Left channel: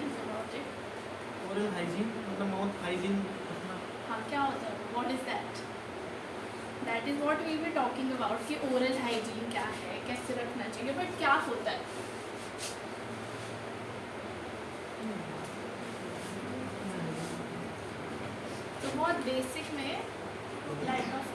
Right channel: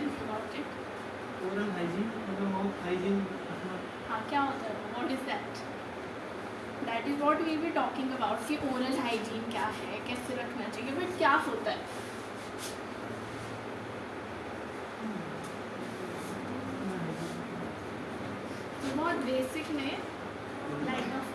Sense about it? Oral hygiene मतलब mouth hygiene. हाँ, क्या होता है? What is that? That is what we be talking about कि ओरल हाइजीन क्या है, कैसे रखना चाहिए, बट क्या होता है? तो बहुत बेसिक में लाइट ऑफ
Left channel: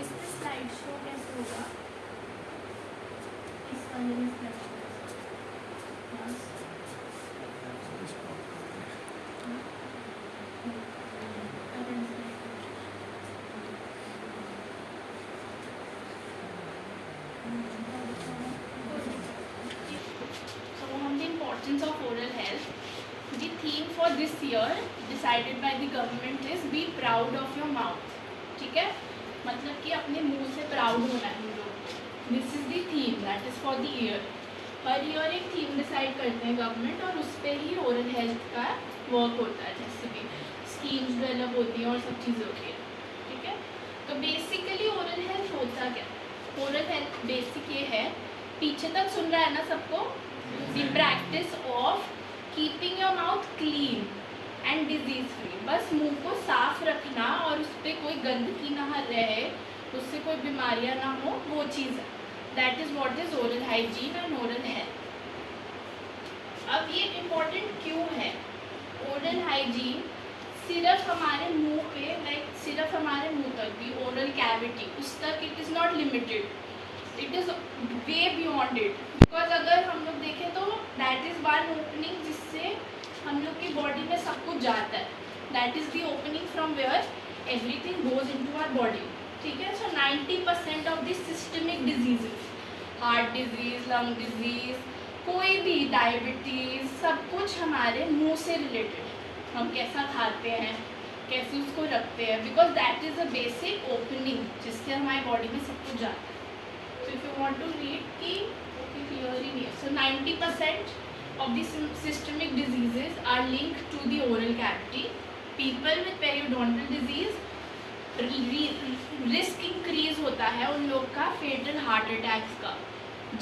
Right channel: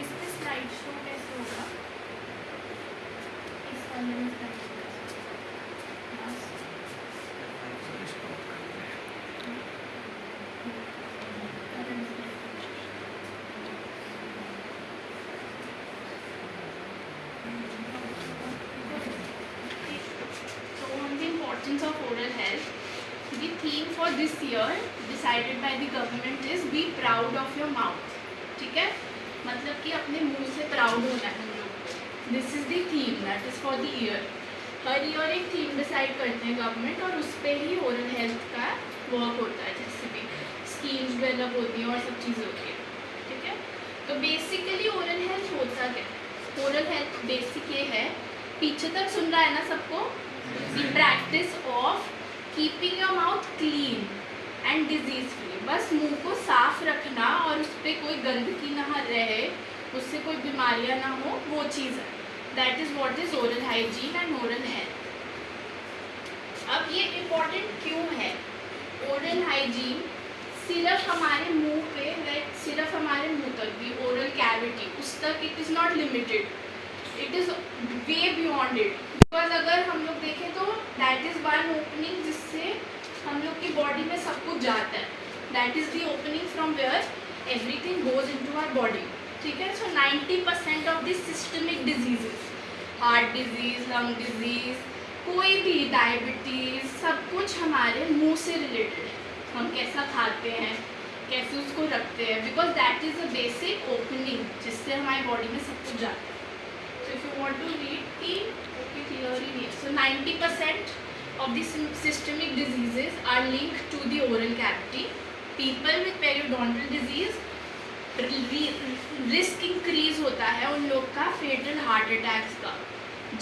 इसमें स्लाइड शो कैसे होगा? इस वाले में slide show So on the importance of oral health, the theme for this year decided by the government is be proud of your mouth. ठीक है, मतलब कि अपने मुंह से प्राउड होना है हम लोग। This is the theme that is for the year. Her year एक थीम डिसाइड करते हैं गवर्नमेंट और उस पर ही ओरल हेल्थ का वर्क होता है, जैसे भी स्कीम्स डेवलप होती हैं और सब चीज़ें होती है। ठीक है, तो बेसिकली ओरल हेल्थ होता क्या है? ओरल हेल्थ बेसिक ये है, पीछे तक सुन रहा है ना सबको? The practice of keeping your mouth clean and disease free. बस मुंह को साफ रखना और उस पर कोई गंदगी ना रहे, उससे कोई बीमारियां ना हो, वो चीज़ है। That is what is oral hygiene and oral health. अब ये इम्पोर्टेंट क्यों है? ओरल हाइजीन सिर्फ हमारे मुंह पे, लाइक सिर्फ हमारे मुंह तक भी, ओरल कैविटी उस तक it is not limited, it is way beyond it. Because अगर हम लोग देखें तो दैट इज़ वन ओपनिंग जिससे हम लोग की बॉडी में सब कुछ जाता है। That is the opening from where everything goes into our body. ठीक है, so 90% of this systemic diseases, heart disease, lung disease, कोई भी डायबिटीज़, सब कुछ हमारे मुंह से रिलेटेड है। हम कैसा खाते हैं, कैसे उसको रखते हैं, because that is a basic opening जिससे हमारी बॉडी में सब कुछ जाता है। So if you want to read की क्लियरली नहीं है, so 90% of the systemic diseases are linked to the oral cavity. People with periodontal disease risk increase होता है उन लोग का फेटल हार्ट अटैक्स का।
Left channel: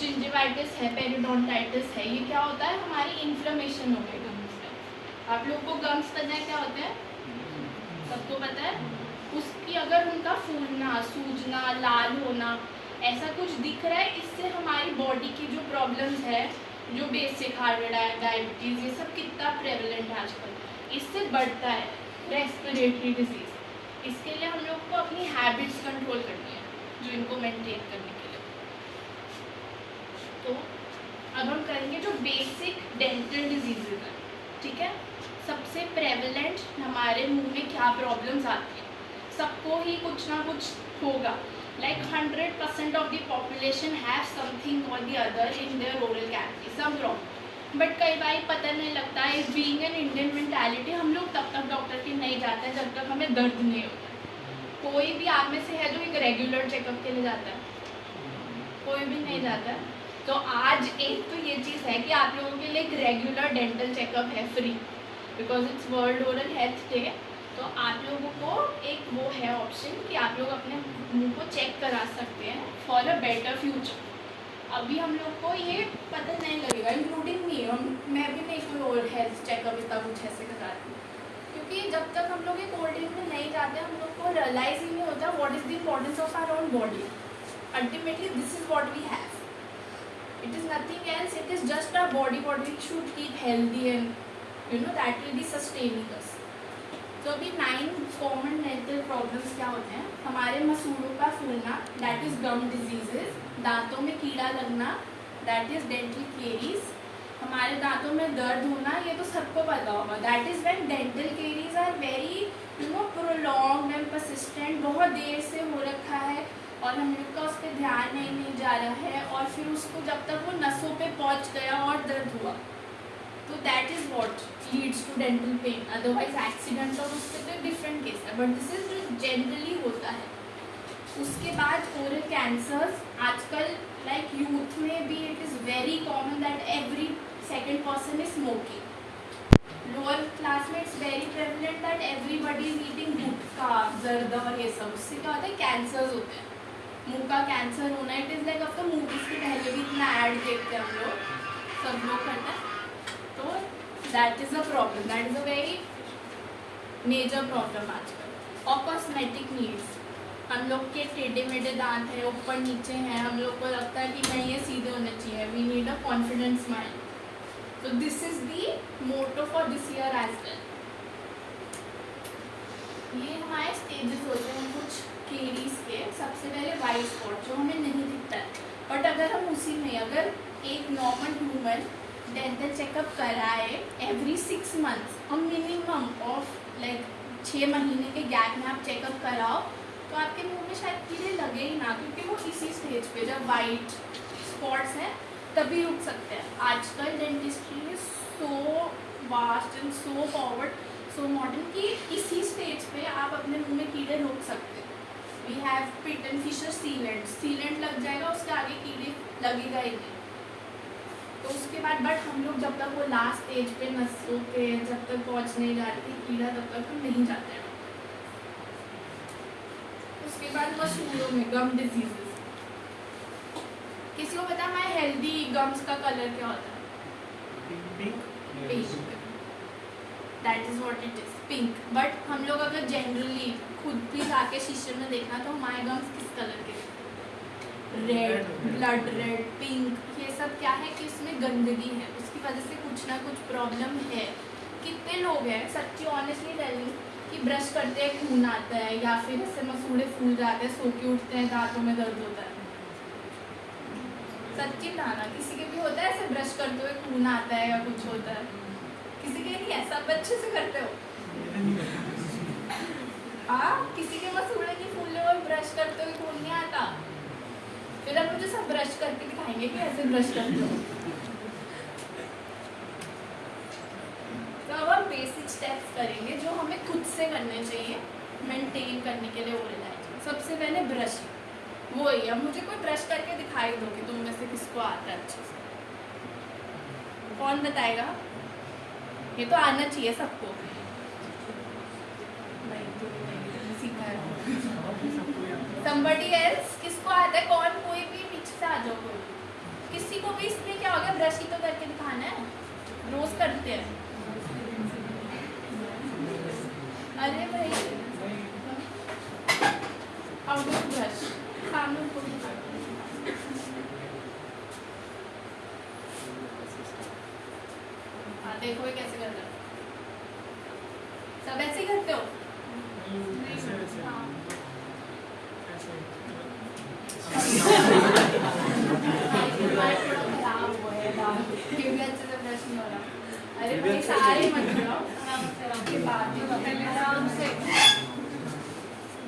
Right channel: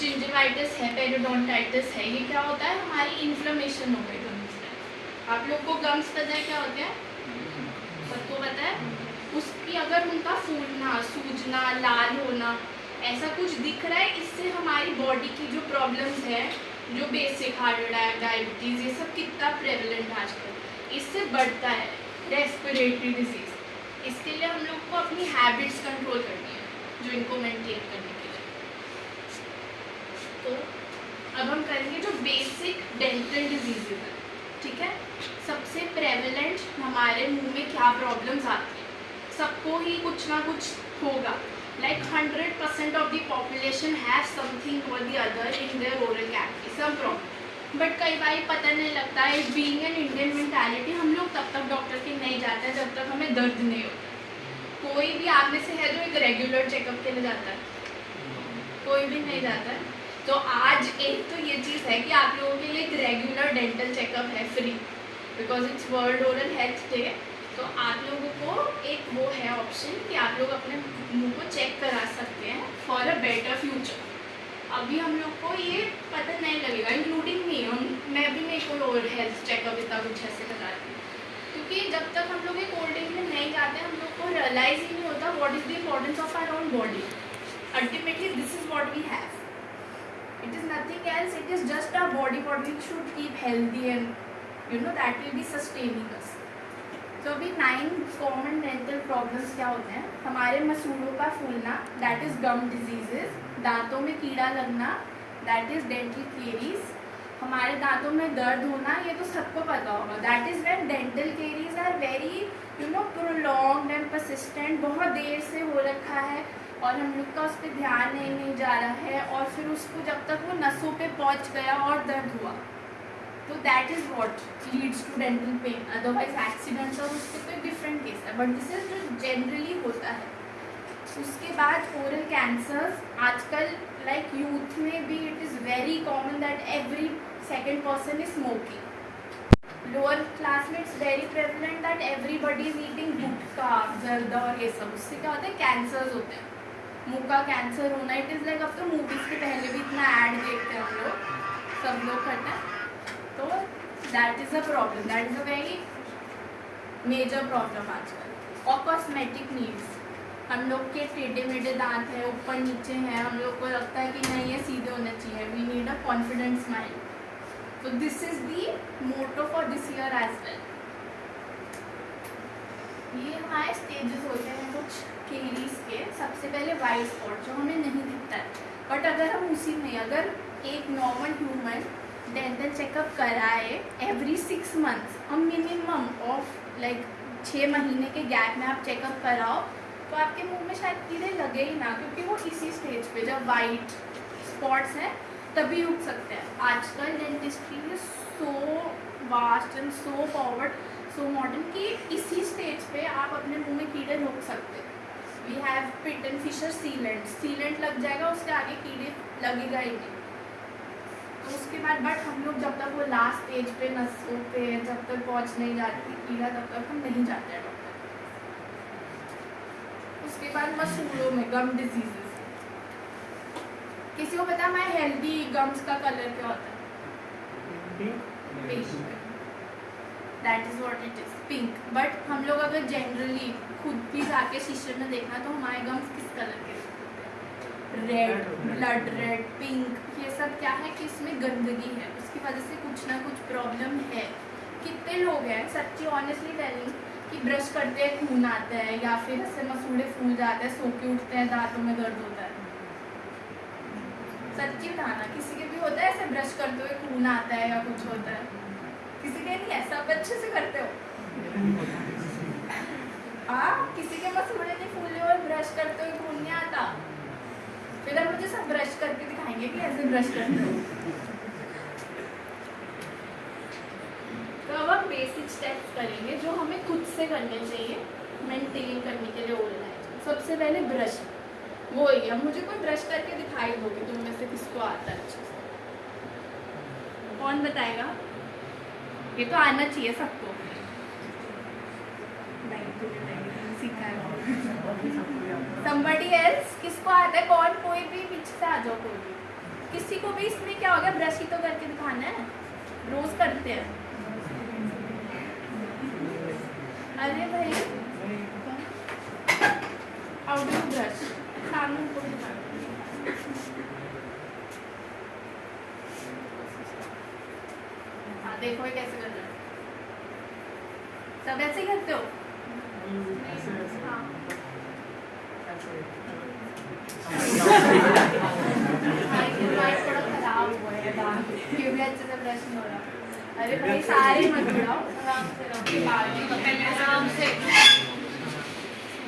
जिंजिवाइटिस है, पेरिडोंटाइटिस है, ये क्या होता है? हमारी इन्फ्लेमेशन हो गई गम्स में। आप लोग को गम्स पता है क्या होते हैं? सबको पता है? उसकी अगर उनका फूलना, सूजना, लाल होना ऐसा कुछ दिख रहा है, इससे हमारी बॉडी की जो प्रॉब्लम्स है, जो बेसिक हार्ट अटैक, डायबिटीज़, ये सब कितना प्रेवलेंट आजकल, इससे बढ़ता है। रेस्पिरेटरी डिजीज़, इसके लिए हम लोग को अपनी हैबिट्स कंट्रोल करनी है, जो इनको मेंटेन करने के लिए। तो अब हम करेंगे जो बेसिक डेंटल डिजीजेज है। ठीक है, सबसे प्रेवलेंट हमारे मुंह में क्या प्रॉब्लम्स आती हैं? सबको ही कुछ ना कुछ होगा। Like 100% of the population have something or the other in their oral cavity, some problem. But कई बार पता नहीं लगता है। बीइंग एन इंडियन मेंटालिटी, हम लोग तब तक डॉक्टर के नहीं जाते हैं जब तक हमें दर्द नहीं हो। कोई भी आप में से है जो एक रेगुलर चेकअप के लिए जाता है? कोई भी नहीं जाता है। तो आज एक तो ये चीज़ है कि आप लोगों के लिए एक रेगुलर डेंटल चेकअप है free, because it's world oral health day. तो आप लोगों को एक वो है ऑप्शन कि आप लोग अपने मुंह को चेक करा सकते हैं फॉर अ बेटर फ्यूचर। अभी हम लोग को ये पता नहीं लगेगा, इंक्लूडिंग मी, मैं भी नहीं कोई और हेल्थ चेकअप इतना कुछ ऐसे कराती, क्योंकि जब तक हम लोग एक ओल्ड एज में नहीं जाते हम लोग को रियलाइज ही नहीं होता what is the importance of our own body. Ultimately this is what we have, it is nothing else, it is just our body, what we should keep healthy and you know that will be sustaining us. तो अभी 9 common dental problems क्या होते हैं? हमारे मसूड़ों का फूलना, that is gum diseases. दांतों में कीड़ा लगना, दैट इज़ डेंटल केरीज। हमारे दांतों में दर्द होना, ये तो सबको पता होगा, that is when dental caries are very you know prolonged and persistent, बहुत देर से हो रखा है और हम लोग का उस पर ध्यान नहीं जा रहा है, और फिर उसको जब तक वो नसों पे पहुंच गया और दर्द हुआ, तो that is what leads to dental pain. Otherwise accidental उससे कोई डिफरेंट केस है, बट दिस इज जो जनरली होता है। उसके बाद ओरल कैंसर्स, आजकल लाइक यूथ में भी it is very common that every second person is smoking. Lower class में it's very prevalent that everybody is eating gutkha, zarda और ये सब। उससे क्या होता है, कैंसर्स होते हैं। मुंह का कैंसर होना, इट इज़ लाइक अब तो मूवीज़ के पहले भी इतना ऐड देखते हैं हम लोग, सब लोग करते हैं। तो that is a problem, that is a very major problem आजकल। और कॉस्मेटिक नीड्स, हम लोग के टेढ़े मेढ़े दांत हैं, ऊपर नीचे हैं, हम लोग को लगता है कि नहीं ये सीधे होने चाहिए, we need a confident smile. तो this is the motto for this year as well. ये हमारे स्टेजेस होते हैं कुछ केरीज के। सबसे पहले वाइट स्पॉट जो हमें नहीं दिखता है, बट अगर हम उसी में अगर एक नॉर्मल ह्यूमन डेंटल चेकअप कराए every 6 months, minimum of like 6 महीने के गैप में आप चेकअप कराओ, तो आपके मुंह में शायद कीड़े लगे ही ना, क्योंकि वो इसी स्टेज पे जब वाइट स्पॉट्स हैं तभी रुक सकते हैं। आजकल dentistry is so vast and so forward, so modern कि इसी स्टेज पे आप अपने मुंह में कीड़े रोक सकते हैं। We have pit and fissure sealant लग जाएगा, उसके आगे कीड़े लगेगा ही नहीं। तो उसके बाद बट हम लोग जब तक वो लास्ट स्टेज पे नसों पे जब तक पहुंच नहीं जाती कीड़ा, तब तक हम नहीं जाते हैं। उसके बाद मशहूरों में गम डिजीजेस, किसी को पता है हमारे हेल्दी गम्स का कलर क्या होता है? Pink. That is what it is, pink. But हम लोग अगर जनरली खुद भी जाके शीशे में देखना तो हमारे गम्स किस कलर के? Red, blood red, pink. ये सब क्या है कि इसमें गंदगी है, उसकी वजह से कुछ ना कुछ प्रॉब्लम है। कितने लोग हैं सच्ची ऑनेस्टली टेलिंग कि ब्रश करते हैं खून आता है, या फिर ऐसे मसूड़े फूल जाते हैं, सो के उठते हैं, दांतों में दर्द होता है। सच्ची बताना, किसी के भी होता है ऐसे ब्रश करते हुए खून आता है या कुछ होता है? किसी के नहीं है, सब अच्छे से करते हो? हाँ, किसी के मसूड़े नहीं फूले हुए ब्रश करते हुए खून नहीं आता। फिर हम मुझे सब ब्रश करके दिखाएंगे कि ऐसे ब्रश करते हो। तो अब हम बेसिक स्टेप्स करेंगे जो हमें खुद से करने चाहिए मेंटेन करने के लिए ओरल हाइजीन। सबसे पहले ब्रश, वो ही अब मुझे कोई ब्रश करके दिखाई दो कि तुम में से किसको आता है अच्छे से? कौन बताएगा? ये तो आना चाहिए सबको। नहीं, तुमने सीखा है। Somebody else, किसको आता है? कौन? कोई भी पीछे से आ जाओ कोई। किसी को भी इसमें क्या हो गया, ब्रश ही तो करके दिखाना है, रोज करते हैं। अरे भाई, हाउ डू ब्रश? सामने उनको दिखाना। हाँ, देखो ये कैसे कर रहा है। सब ऐसे ही करते हो? हाँ। थोड़ा खराब हुआ है दांत, क्योंकि अच्छे से ब्रश नहीं हो रहा। अरे भाई सारे मत गिराओ, आराम से।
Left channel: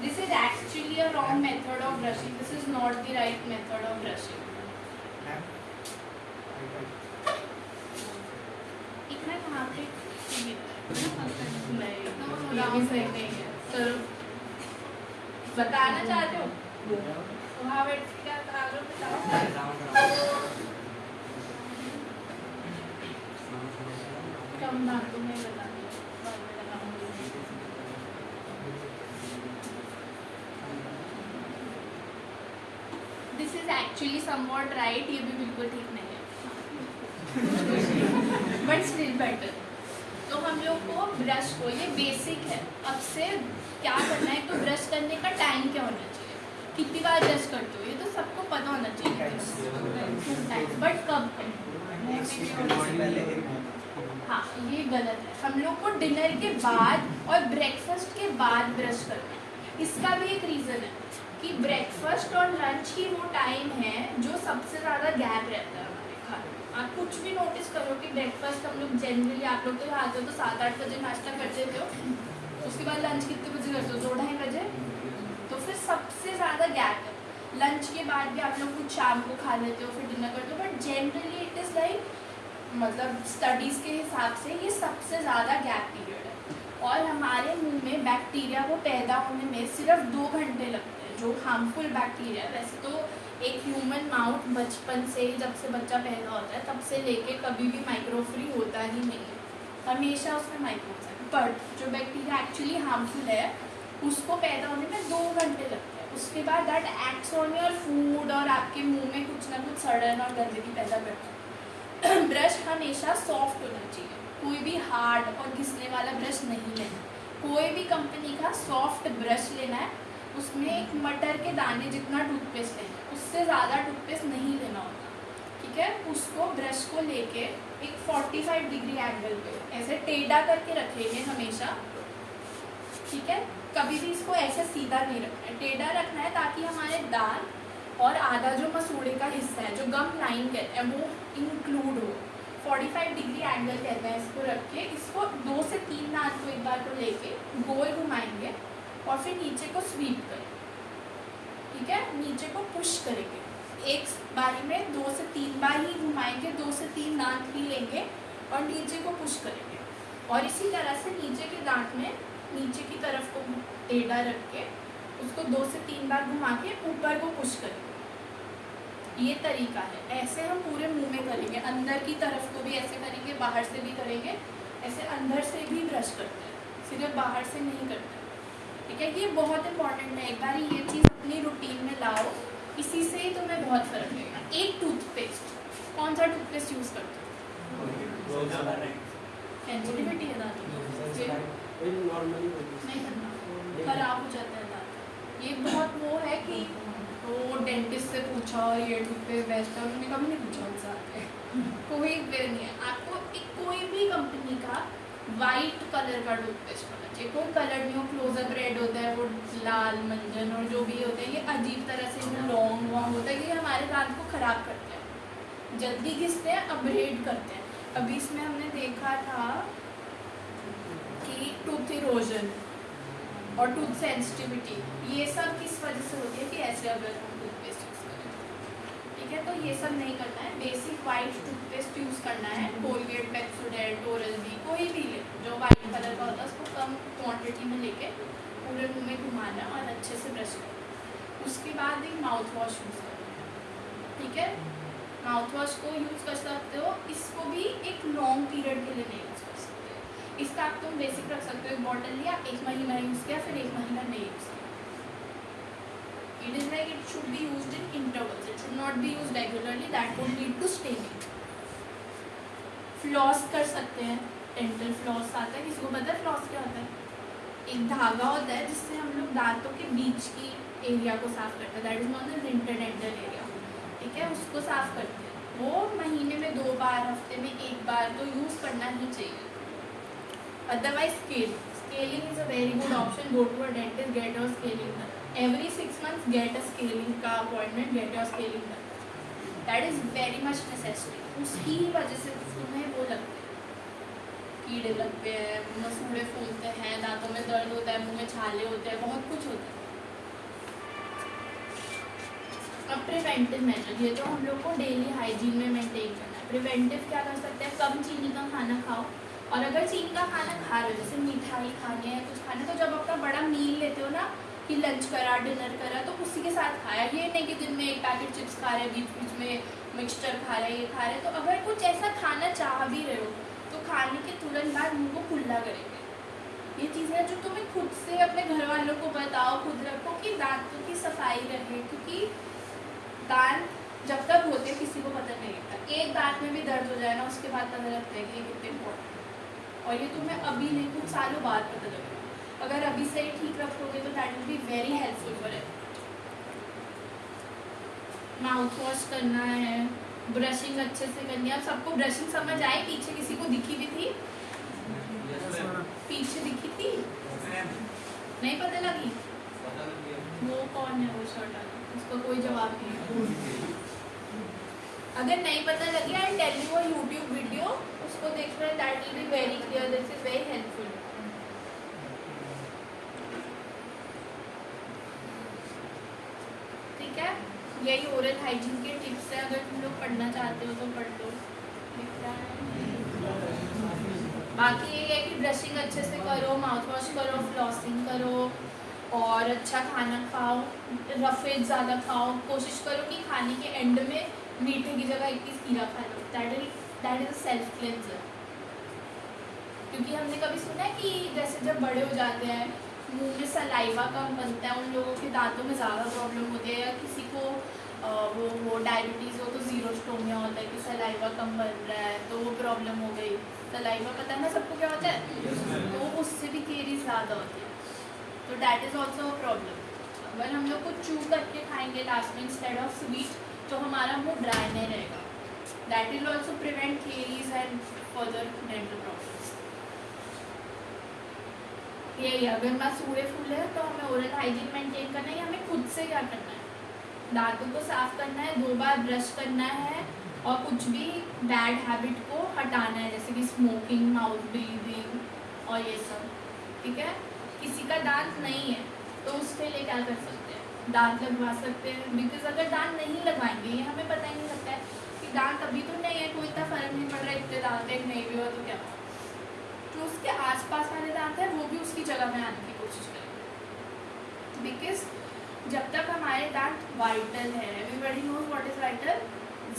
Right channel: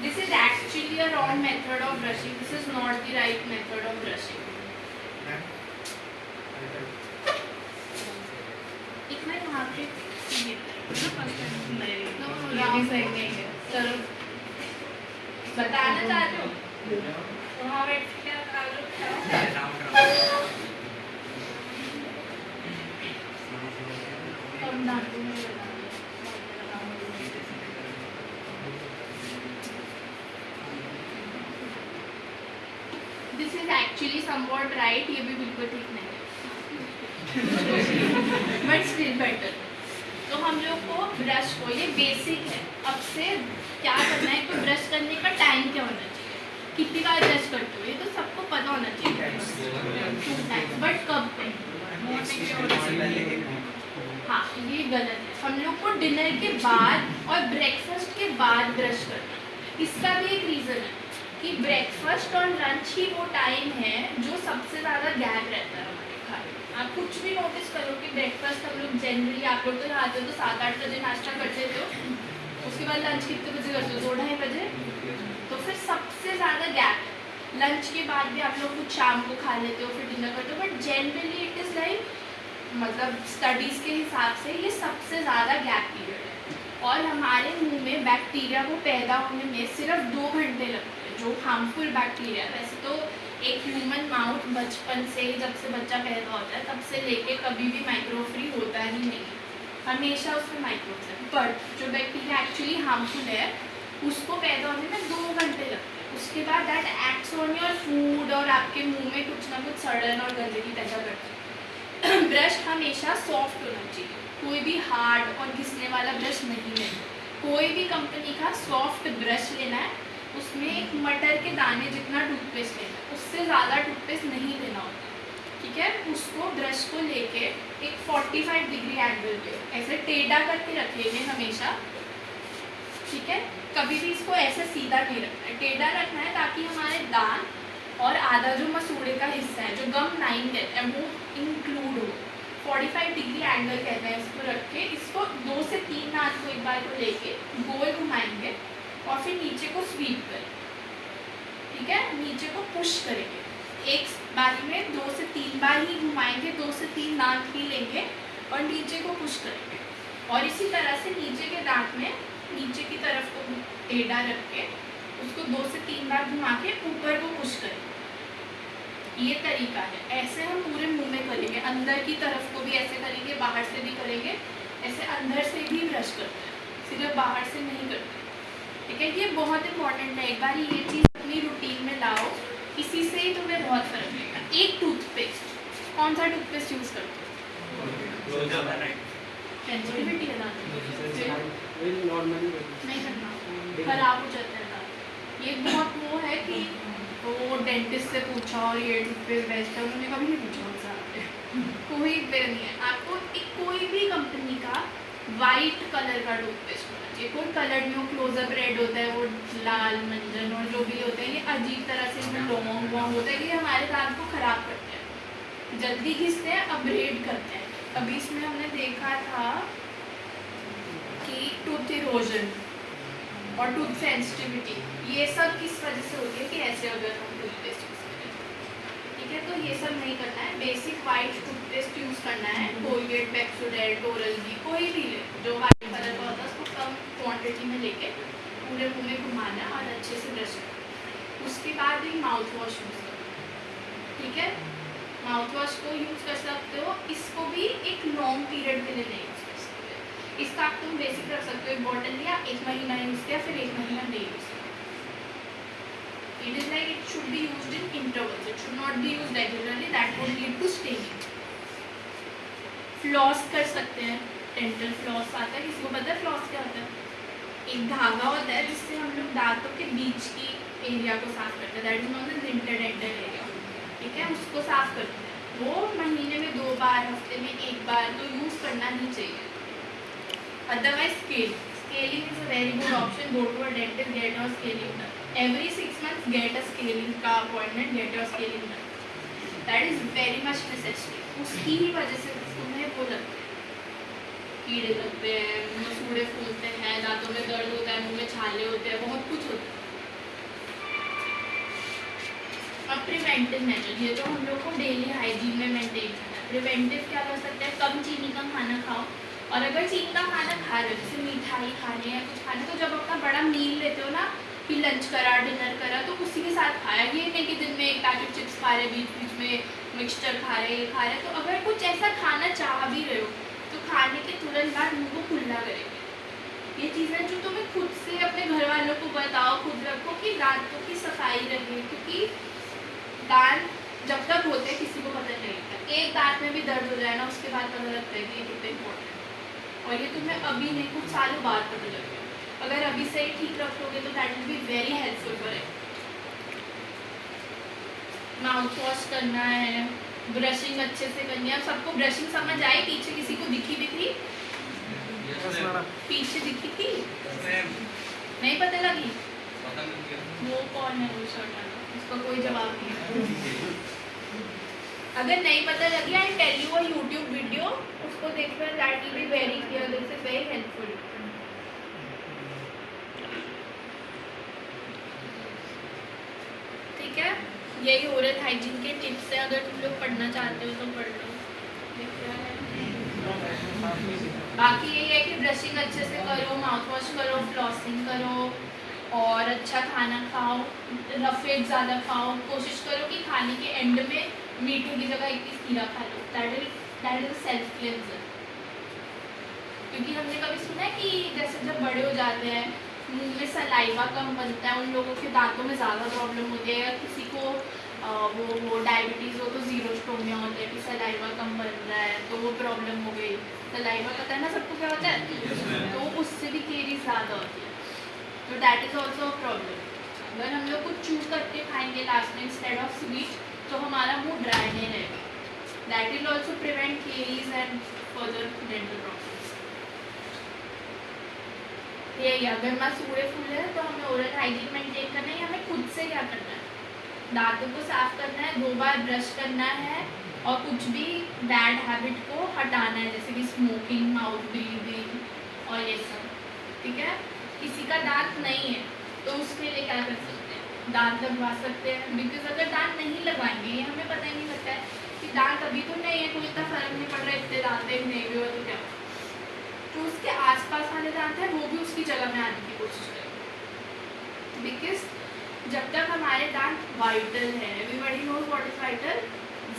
This is actually a wrong method of brushing. This is not the right method of brushing. इतना यहाँ पे ये नहीं सही नहीं है। चलो बताना चाहते हो? वहाँ बैठ के क्या कम दांतों में लगा। This is actually somewhat right, ये भी बिल्कुल ठीक नहीं है बट स्टिल बेटर। तो हम लोग को ब्रश को, ये बेसिक है, अब से क्या करना है तो ब्रश करने का टाइम क्या होना चाहिए, कितनी बार ब्रश करते हो, ये तो सबको पता होना चाहिए। 2 टाइम, बट कब पे? हाँ, ये गलत है। हम लोग को डिनर के बाद और ब्रेकफास्ट के बाद ब्रश करना। इसका भी एक रीज़न है कि ब्रेकफास्ट और लंच ही वो टाइम है जो सबसे ज़्यादा गैप रहता है हमारे खाने में। आप कुछ भी नोटिस करो कि ब्रेकफास्ट हम लोग जनरली, आप लोग तो आते हो तो 7-8 बजे नाश्ता कर लेते हो, उसके बाद लंच कितने बजे करते हो? 2-2:30 बजे। तो फिर सबसे ज़्यादा गैप है। लंच के बाद भी आप लोग कुछ शाम को खा लेते हो, फिर डिनर करते हो, but generally it is like, मतलब स्टडीज़ के हिसाब से ये सबसे ज़्यादा गैप पीरियड है। और हमारे मुंह में बैक्टीरिया को पैदा होने में सिर्फ 2 घंटे लगते हैं, जो हार्मफुल बैक्टीरिया, वैसे तो एक ह्यूमन माउथ बचपन से जब से बच्चा पैदा होता है तब से लेके कभी भी माइक्रो फ्री होता ही नहीं है, हमेशा उसमें माइक्रोब्स है। बट जो बैक्टीरिया एक्चुअली हार्मफुल है उसको पैदा होने में 2 घंटे लगते हैं, उसके बाद that acts on your food और आपके मुंह में कुछ ना कुछ सड़न और गंदगी पैदा करता है। ब्रश हमेशा सॉफ्ट होना चाहिए, कोई भी हार्ड और घिसने वाला ब्रश नहीं लेना। कोई भी कंपनी का सॉफ्ट ब्रश लेना है, उसमें एक मटर के दाने जितना टूथपेस्ट लेना है, उससे ज़्यादा टूथपेस्ट नहीं लेना होता, ठीक है। उसको ब्रश को लेके एक 45 डिग्री एंगल पे ऐसे टेढ़ा करके रखेंगे हमेशा, ठीक है। कभी भी इसको ऐसे सीधा नहीं रखना है, टेढ़ा रखना है ताकि हमारे दांत और आधा जो मसूड़े का हिस्सा है जो गम लाइन कहते हैं वो इंक्लूड हो। 45 डिग्री एंगल कहते हैं इसको रख के, इसको 2 से 3 दांत को एक बार को लेके गोल घुमाएंगे और फिर नीचे को स्वीप करें, ठीक है। नीचे को पुश करेंगे, एक बारी में 2 से 3 बार ही घुमाएंगे, 2 से 3 दांत ही लेंगे और नीचे को पुश करेंगे। और इसी तरह से नीचे के दांत में नीचे की तरफ को टेढ़ा रख के उसको 2 से 3 बार घुमा के ऊपर को पुश करेंगे। ये तरीका है, ऐसे हम पूरे मुंह में करेंगे, अंदर की तरफ को भी ऐसे करेंगे, बाहर से भी करेंगे, ऐसे अंदर से भी ब्रश करते हैं, सिर्फ बाहर से नहीं करते, ठीक है। ये बहुत इंपॉर्टेंट है, एक बार ये चीज़ अपनी रूटीन में लाओ, इसी से ही तुम्हें बहुत फर्क लगेगा। एक टूथपेस्ट, कौन सा टूथपेस्ट यूज़ करते हो? सेंसिटिविटी है दांत नहीं करना, खराब हो जाता है दांत। ये बहुत वो है कि वो डेंटिस्ट से पूछा और ये टूथपेस्ट बेस्ट है, उन्होंने कभी नहीं पूछा उनसे, कोई पे नहीं है। आपको एक कोई भी कंपनी का वाइट कलर का टूथपेस्ट होना चाहिए, कोई कलर नहीं हो, क्लोजअप रेड होता है, वो लाल मंजन और जो भी होते हैं, ये अजीब तरह से इसमें लॉन्ग वॉन्ग होता है, ये हमारे दांत को ख़राब करते हैं, जल्दी घिसते हैं, अपग्रेड करते हैं। अभी इसमें हमने देखा था कि टूथ इरोजन और टूथ सेंसिटिविटी, ये सब किस वजह से होती है कि ऐसे अगर हम टूथपेस्ट यूज़ करें, ठीक है। तो ये सब नहीं करना है, बेसिक वाइट टूथपेस्ट यूज़ करना है, कोलगेट, पेप्सोडेंट, ओरल बी, कोई भी ले जो वाइट कलर का होता है, उसको कम क्वांटिटी में लेके पूरे मुंह में घुमाना और अच्छे से ब्रश करना। उसके बाद ही माउथ वॉश यूज़ करना, ठीक है। माउथ वॉश को यूज़ कर सकते हो, इसको भी एक लॉन्ग पीरियड के लिए नहीं यूज़ कर सकते। इसका आप तुम बेसिक रख सकते हो, एक बॉटल लिया, 1 महीना यूज़ किया, फिर 1 महीना नहीं यूज़ किया। It is like it should be used in intervals, it should not be used regularly, that would lead to staining. Floss कर सकते हैं, डेंटल फ्लॉस आता है, किसी को पता है फ्लॉस क्या होता है? एक धागा होता है जिससे हम लोग दांतों के बीच की एरिया को साफ करते हैं, that is not the interdental area, ठीक है। उसको साफ करते हैं, वो महीने में 2 बार, हफ्ते में 1 बार तो यूज़ करना ही चाहिए। Otherwise scaling is a very good option, go to a dentist, get your scaling done every 6 months, get a scaling का appointment, get your scaling done, that is very much necessary. उसकी ही वजह से तुम्हें वो लगते हैं, कीड़े लगते हैं, मसूड़े फूलते हैं, दांतों में दर्द होता है, मुंह में छाले होते हैं, बहुत कुछ होता है। अब प्रिवेंटिव मेजर, ये तो हम लोग को डेली हाइजीन में मेंटेन करना है। प्रिवेंटिव क्या कर सकते हैं? कम चीनी का खाना खाओ, और अगर चीनी का खाना खा रहे हो, जैसे मिठाई खाने या कुछ खाने, तो जब अपना बड़ा मील लेते हो ना, कि लंच करा, डिनर करा, तो उसी के साथ खाया। ये नहीं कि दिन में एक पैकेट चिप्स खा रहे, बीच बीच में मिक्सचर खा रहे, ये खा रहे। तो अगर कुछ ऐसा खाना चाह भी रहे हो तो खाने के तुरंत बाद मुँह को खुला करेंगे। ये चीज़ें जो तुम्हें खुद से अपने घर वालों को बताओ, खुद रखो कि दांतों की सफाई रहे, क्योंकि दांत जब तक होते हैं किसी को पता नहीं लगता। एक दांत में भी दर्द हो जाए ना, उसके बाद पता लगता है कि ये कितने इम्पोर्टेंट है, और ये तुम्हें अभी नहीं कुछ सालों बाद पता लगेगा। अगर अभी से ही ठीक रखोगे तो that will be very helpful for it. Mouth wash करना है, ब्रशिंग अच्छे से करनी है। अब सबको ब्रशिंग समझ आई? पीछे किसी को दिखी भी थी? पीछे दिखी थी? नहीं पता लगी? वो कौन है वो शर्ट वाला? उसका कोई जवाब नहीं है। अगर नहीं पता लगी, I tell you a YouTube video, उसको देखना, that will be very clear, this is very helpful. ठीक है, यही ओरल हाइजीन के टिप्स है। अगर तुम लोग पढ़ना चाहते हो तो पढ़ लो। बाकी यही है कि ब्रशिंग अच्छे से करो, माउथ वॉश करो, फ्लॉसिंग करो, और अच्छा खाना खाओ, रफेज ज़्यादा खाओ, कोशिश करो कि खाने के एंड में मीठे की जगह 21 खीरा खा लो। That is self cleanser. क्योंकि हमने कभी सुना है कि जैसे जब बड़े हो जाते हैं मुंह में सलाइवा कम बनता है, उन लोगों के दांतों में ज़्यादा प्रॉब्लम होती है, या किसी को वो डायबिटीज़ हो तो ज़ीरोस्टोमिया होता है कि सलाइवा कम बन रहा है तो वो प्रॉब्लम हो गई। सलाइवा पता है ना सबको क्या होता है, तो उससे भी केरीज ज़्यादा होती है, तो that is also a problem. अगर हम लोग कुछ चू करके खाएंगे लास्ट में इंस्टेड ऑफ स्वीट तो हमारा मुंह ड्राई नहीं रहेगा। That will also prevent caries and further dental problems. यही अगर मैं सूड़े फूले हैं तो हमें ओरल हाइजीन मेंटेन करना है। हमें खुद से क्या करना है, दांतों को साफ करना है, 2 बार ब्रश करना है और कुछ भी बैड हैबिट को हटाना है, जैसे कि स्मोकिंग, माउथ ब्रीदिंग और ये सब। ठीक है, किसी का दांत नहीं है तो उसके लिए क्या कर सकते हैं, दांत लगवा सकते हैं। बिकॉज अगर दांत नहीं लगवाएंगे, ये हमें पता ही नहीं लगता है कि दांत अभी तो नहीं है, कोई इतना फर्क नहीं पड़ रहा है, इतने दांत है नहीं भी हो तो क्या, तो उसके आसपास वाले दांत हैं वो भी उसकी जगह में आने की कोशिश करेंगे। बिकॉज जब तक हमारे दांत वाइटल है, everybody knows what is vital,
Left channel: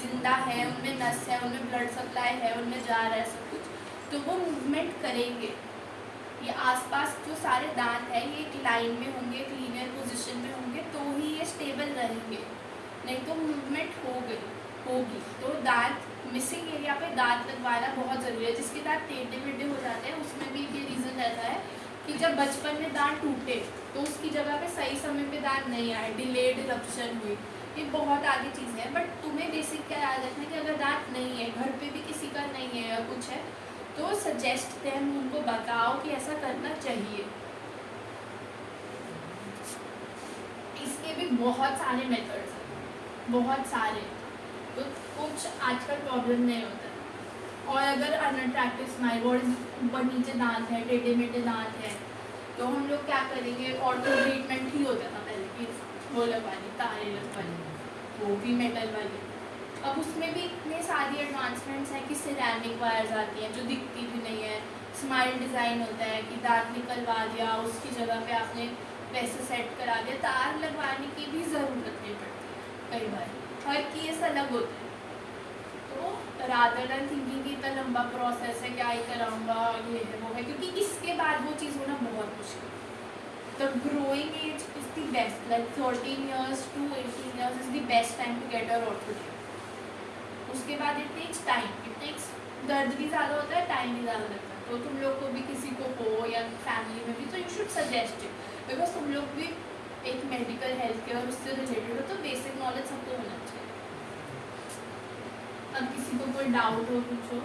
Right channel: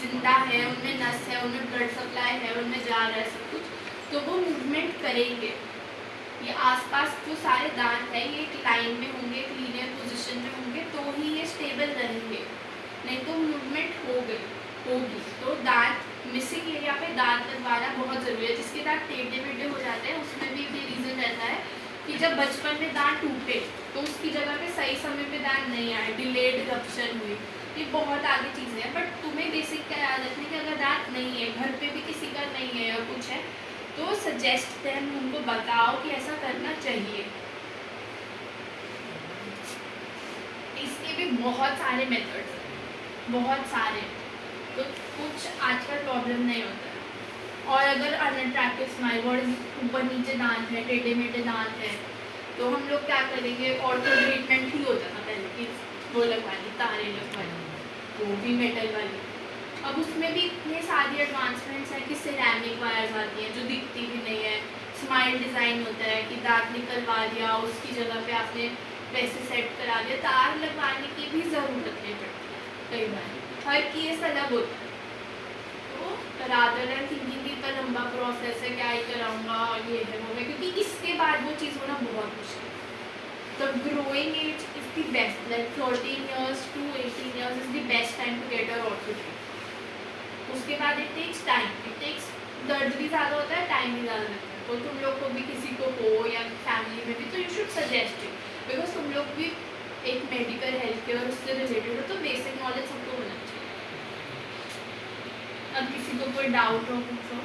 जिंदा है, उनमें नस है, उनमें ब्लड सप्लाई है, उनमें जा रहा है सब कुछ, तो वो मूवमेंट करेंगे। ये आसपास जो सारे दांत हैं ये एक लाइन में होंगे, एक लीनियर पोजीशन में होंगे, तो ही ये स्टेबल रहेंगे, नहीं तो मूवमेंट होगी। तो दांत मिसिंग एरिया पे दांत लगवाना बहुत ज़रूरी है। जिसके दांत टेढ़े मेढ़े हो जाते हैं उसमें भी ये रीज़न रहता है कि जब बचपन में दांत टूटे तो उसकी जगह पे सही समय पे दांत नहीं आए, डिलेड इरप्शन हुई, ये बहुत आगे चीज़ें हैं। बट तुम्हें बेसिक क्या याद रखना है कि अगर दांत नहीं है, घर पे भी किसी का नहीं है और कुछ है, तो सजेस्ट देम, उनको बताओ कि ऐसा करना चाहिए। इसके भी बहुत सारे मेथड्स हैं, बहुत सारे, तो कुछ आजकल प्रॉब्लम नहीं होता है। और अगर अनअट्रैक्टिव स्माइल, बॉडी ऊपर नीचे दांत है, टेढ़े मेढ़े दांत है, तो हम लोग क्या करेंगे, ऑर्थो ट्रीटमेंट ही होता था पहले कि वो लगवानी, तारे लगवानी, वो भी मेटल वाली। अब उसमें भी इतने सारी एडवांसमेंट्स हैं कि सिरेमिक वायर्स आती हैं जो दिखती भी नहीं है, स्माइल डिज़ाइन होता है कि दांत निकलवा दिया, उसकी जगह पे आपने वैसे सेट करा दिया, तार लगवाने की भी ज़रूरत नहीं पड़ती है कई बार, हर केस अलग होता है। तो रादर देन थिंकिंग कि इतना लंबा प्रोसेस है, क्या ही कराऊंगा, ये है वो है, क्योंकि इसके बाद वो चीज़ होना बहुत मुश्किल है। The growing age is the best, like 13 years to 18 years is the best time to get your orthodontic. उसके बाद it takes time, it takes, दर्द भी ज़्यादा होता है, टाइम भी ज़्यादा लगता है। तो तुम लोग को भी, किसी को हो या फैमिली में भी, तो you should suggest it, because तुम लोग भी एक मेडिकल हेल्थ केयर उससे रिलेटेड हो, तो बेसिक नॉलेज सबको होना चाहिए। अब किसी को कोई डाउट हो, पूछो।